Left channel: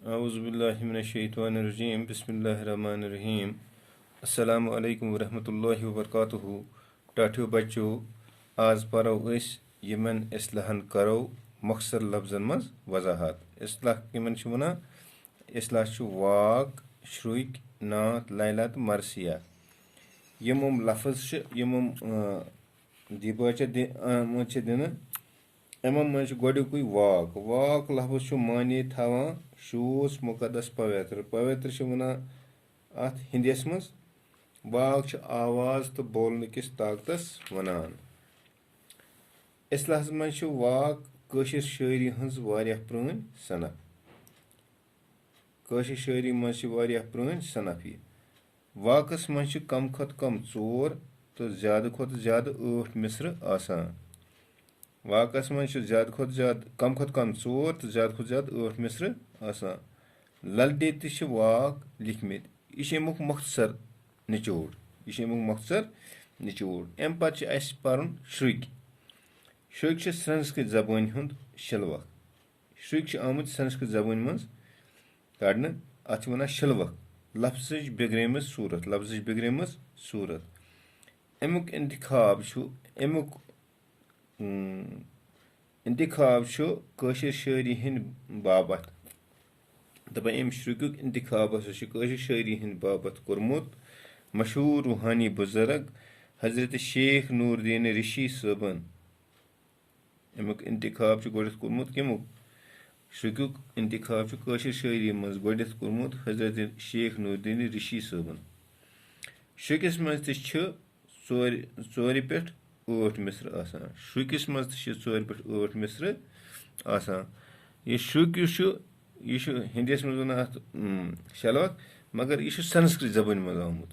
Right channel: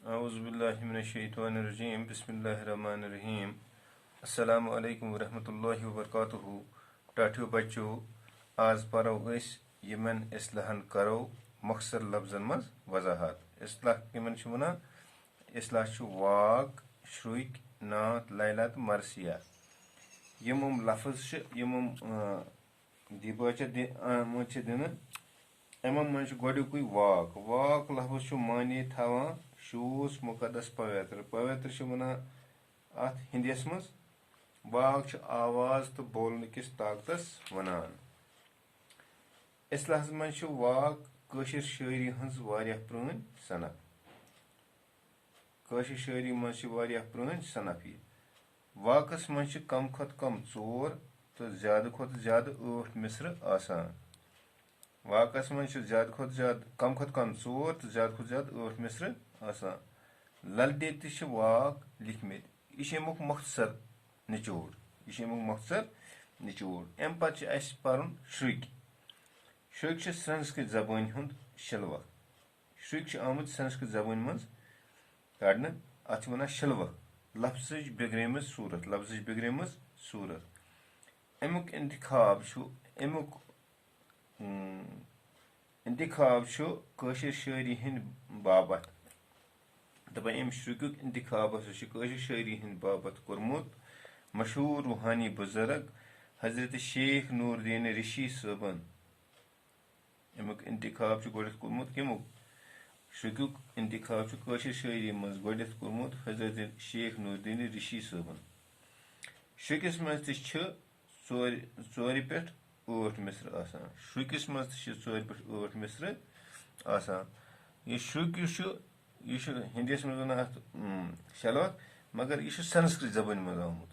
Auzubillahiminesh-shaytanir-rajim. Bismillahir-rahmanir-rahim. Assalamu alaikum warahmatullahi wabarakatuhu. Tathu bachcho, az paro is yemen islahan karo maksar labzan maz wazahat. Islah kiman chu wana? Islah chu waq, shruik, naat, laylat, marsiya. Yemum lafaz sh yemum dibacha moche dina. Emam manch godukui waq. Waq lafaz chu mani thawan शूस मुकदस पवित्र पवित्र अत हिंदीस मज वाक आवाज तो बोलने किस ताकतस वनान इसलाहस मज वाक कशिर शायरी हंस वारिया प्रण सनफ कशिर शायरी मज प्रण सनफ यह वाकस मज कम खत कम चोर तो ज्यादा खत ज्यादा 8 मिसर आसान वाकस मज ज्यादा खत ज्यादा कम खत कम चोर तो ज्यादा खत ज्यादा 8 मिसर आसान ललदे तश वाक लिखमित यह मख्तर निचोड़ अम पे पर्न श्रुक श्रुक संस्कृत जबान हुंद शिलवक श्रुक आमुत संस्कृत जबान मज कड़न अत वन शिलवक लफ्ज बिगड़ेमज सूरत अमुक इंतखाब कशिर शायरी हिंद बाबत दपान अम श्रुक इंतखाब कशिर शायरी हिंद बाबत कोरमुत मशहूर रूहानी बुजुर्ग हजरत शेख नूरुद्दीन रिशी सबन अमुक इंतखाब गोड़थ कोरमुत कमुक श्रुक इंतखाब कशिर शायरी मज गोड़थ कोरमुत हजरत शेख नूरुद्दीन रिशी सबन श्रुकस मज ोर पे 8 मिसर आसान श्रुकस मज 4 पे 8 मिसर आसान यह श्रुक यह हिंदीस मज वन अत शलवक मगर यह संस्कृत जबान मज आमुत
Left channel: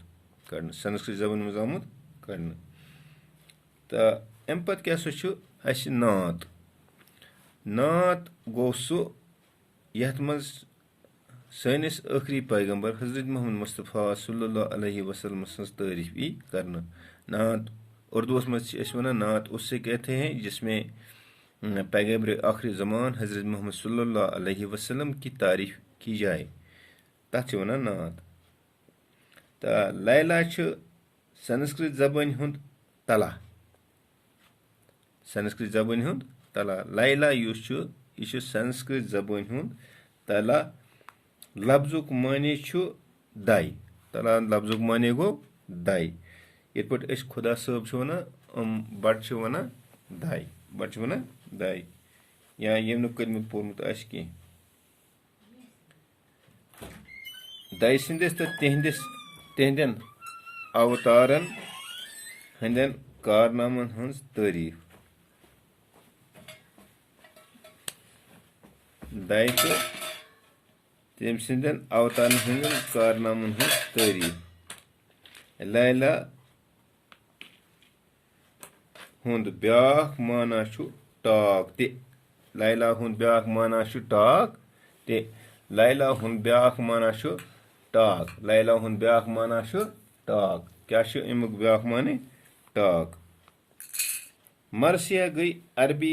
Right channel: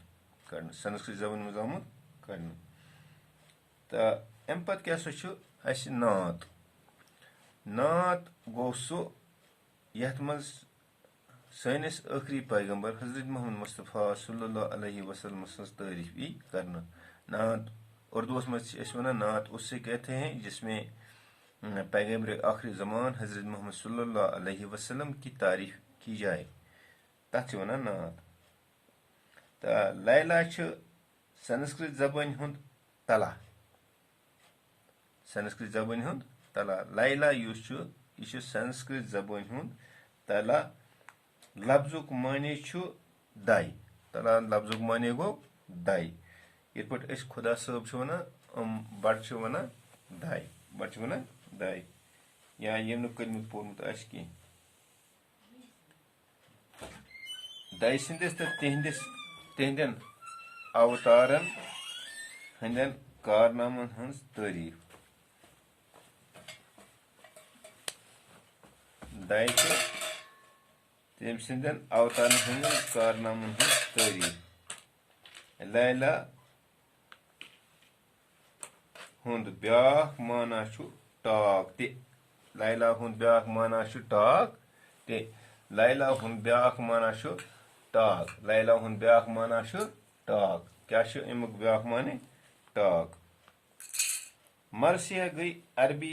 कड़न तो अम पे क्या नात नात गो सो यथ मज सैनिस आखरी पैगंबर हजरत मोहम्मद मुस्तफ़ा सल्लल्लाहु अलैहि वसल्लम सज तारीफ यी करना नात उर्दूस मज वन नात उससे कहते हैं जिसमें पैगंबर आखिरी ज़मान हजरत मोहम्मद सल्लल्लाहु अलैहि वसल्लम की तारीफ की जाए तथ वन नात तो लैला संस्कृत जबान हुंद तला लैला यह संस्कृत जबान हुंद तला लफ्जुक माने दाई तला लफ्जुक माने गो दाई ये पे खुदा साहब वन बट वन दाई या यम कलमुत पोर्मुत कह दाई सिंदिस तो तिहंदन अवतारन हंदन कारनामन हंस तारीफ दाई तो तम सिंदन अवतारन हंदन कारनामन हंस तारीफ लैला हुंद ब्याख माना टाक ते लैला हुंद ब्याख माना टाक ते लैला हुंद ब्याख माना टाक लैला हुंद ब्याख माना टाक क्या अमुक ब्याख माने टाक मरसिया गई अरबी